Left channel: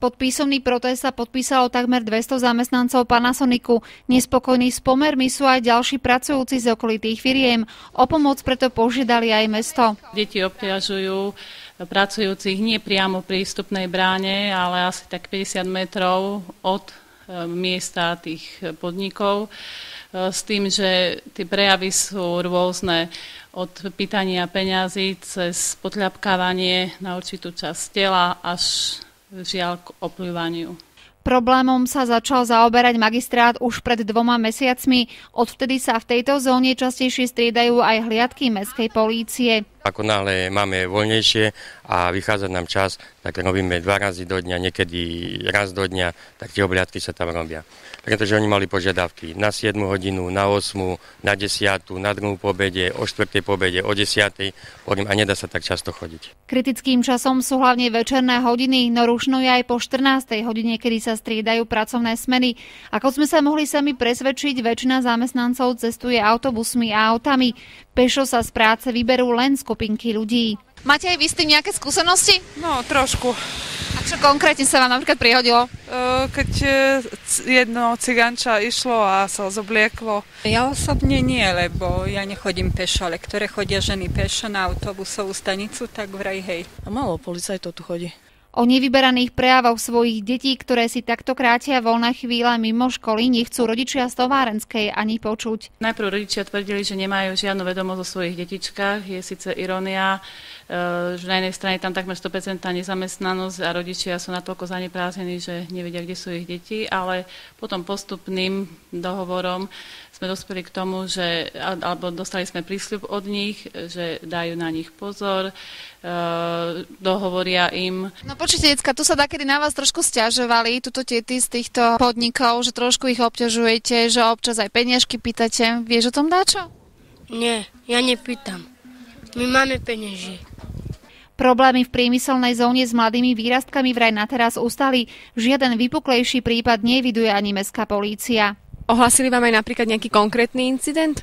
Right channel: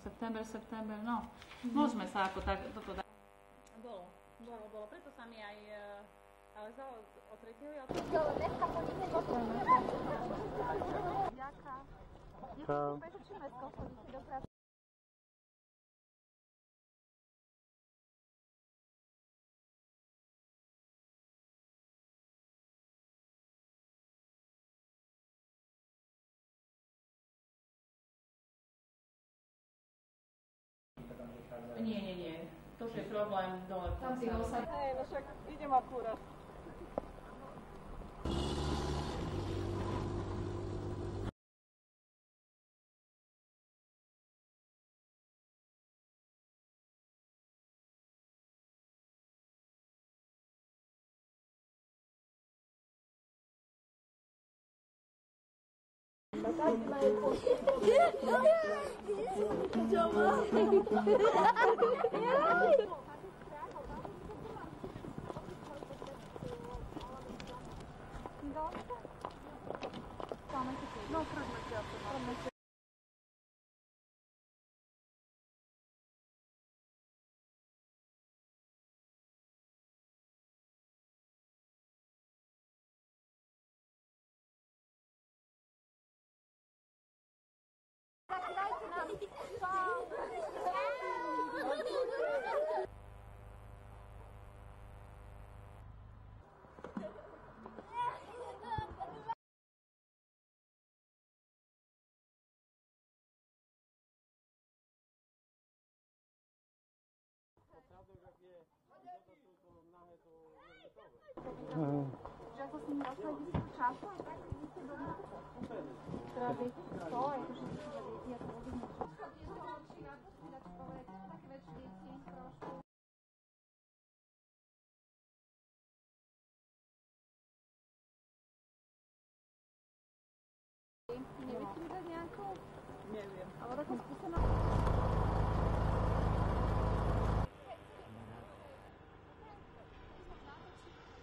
Pod písomný protest sa podpísalo takmer 200 zamestnancov Panasonicu. Nespokojní s pomermi sú aj ďalší pracujúci z okolitých firiem. O pomoc preto požiadali aj mesto. Deti obťažujú pracujúcich nie priamo pri vstupnej bráne, ale asi tak 50 metrov od miesta tých podnikov. S tým, že tie prejavy sú rôzne, od pýtania peňazí cez podľapkávanie na určitú časť tela až žiaľ k opľúvaniu. Problémom sa začal zaoberať magistrát už pred 2 mesiacmi. Odvtedy sa v tejto zóne častejšie striedajú aj hliadky mestskej polície. Ako náhle máme voľnejšie a vychádza nám čas, tak robíme 2 razy do dňa, niekedy raz do dňa, tak tie obhliadky sa tam robia. Pretože oni mali požiadavky na 7 hodinu, na 8, na 10, na 2 po obede, o 4 po obede, o 10. A nedá sa tak často chodiť. Kritickým časom sú hlavne večerné hodiny, no rušno je aj po 14. hodine, kedy sa striedajú pracovné smeny. Ako sme sa mohli sami presvedčiť, väčšina zamestnancov cestuje autobusmi a autami. Pešo sa z práce vyberú len skupinky ľudí. Máte aj vy s tým nejaké skúsenosti? No, trošku. A čo konkrétne sa vám napríklad prihodilo? Keď jedno ciganča išlo a sa zoblieklo. Ja osobne nie, lebo ja nechodím pešo, ale ktoré chodia ženy pešo na autobusovú stanicu, tak vraj hej. A málo policajtov tu chodí. O nevyberaných prejavoch svojich detí, ktoré si takto krátia voľné chvíle mimo školy, nechcú rodičia z Továrenskej ani počuť. Najprv rodičia tvrdili, že nemajú žiadnu vedomosť o svojich detičkách. Je síce irónia, že na jednej strane tam takmer 100% nezamestnanosť a rodičia sú natoľko zaneprázdnení, že nevedia, kde sú ich deti, ale potom postupným dohovorom sme dospeli k tomu, že alebo dostali sme prísľub od nich, že dajú na nich pozor, dohovoria im. No počujte, decka, tu sa dakedy na vás trošku sťažovali, tuto tiety z týchto podnikov, že trošku ich obťažujete, že občas aj peniažky pýtate. Vieš o tom dáčo? Nie, ja nepýtam. My máme peniazy. Problémy v priemyselnej zóne s mladými výrastkami vraj na teraz ustali. Žiaden vypuklejší prípad neviduje ani mestská polícia. Ohlasili vám aj napríklad nejaký konkrétny incident?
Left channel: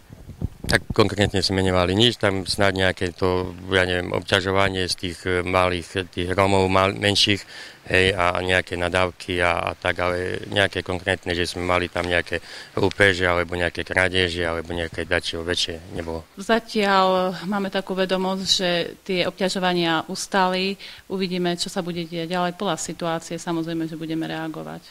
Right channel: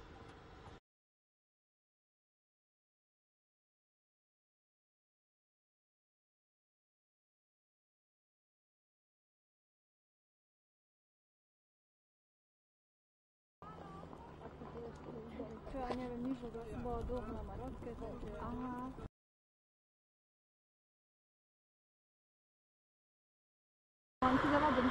Tak konkrétne sme nemali nič, tam snáď nejaké to, ja neviem, obťažovanie z tých malých, tých Rómov menších, hej, a nejaké nadávky a tak, ale nejaké konkrétne, že sme mali tam nejaké lúpeže, alebo nejaké krádeže, alebo nejaké dačo väčšie nebolo. Zatiaľ máme takú vedomosť, že tie obťažovania ustali. Uvidíme, čo sa bude diať ďalej. Podľa situácie samozrejme, že budeme reagovať.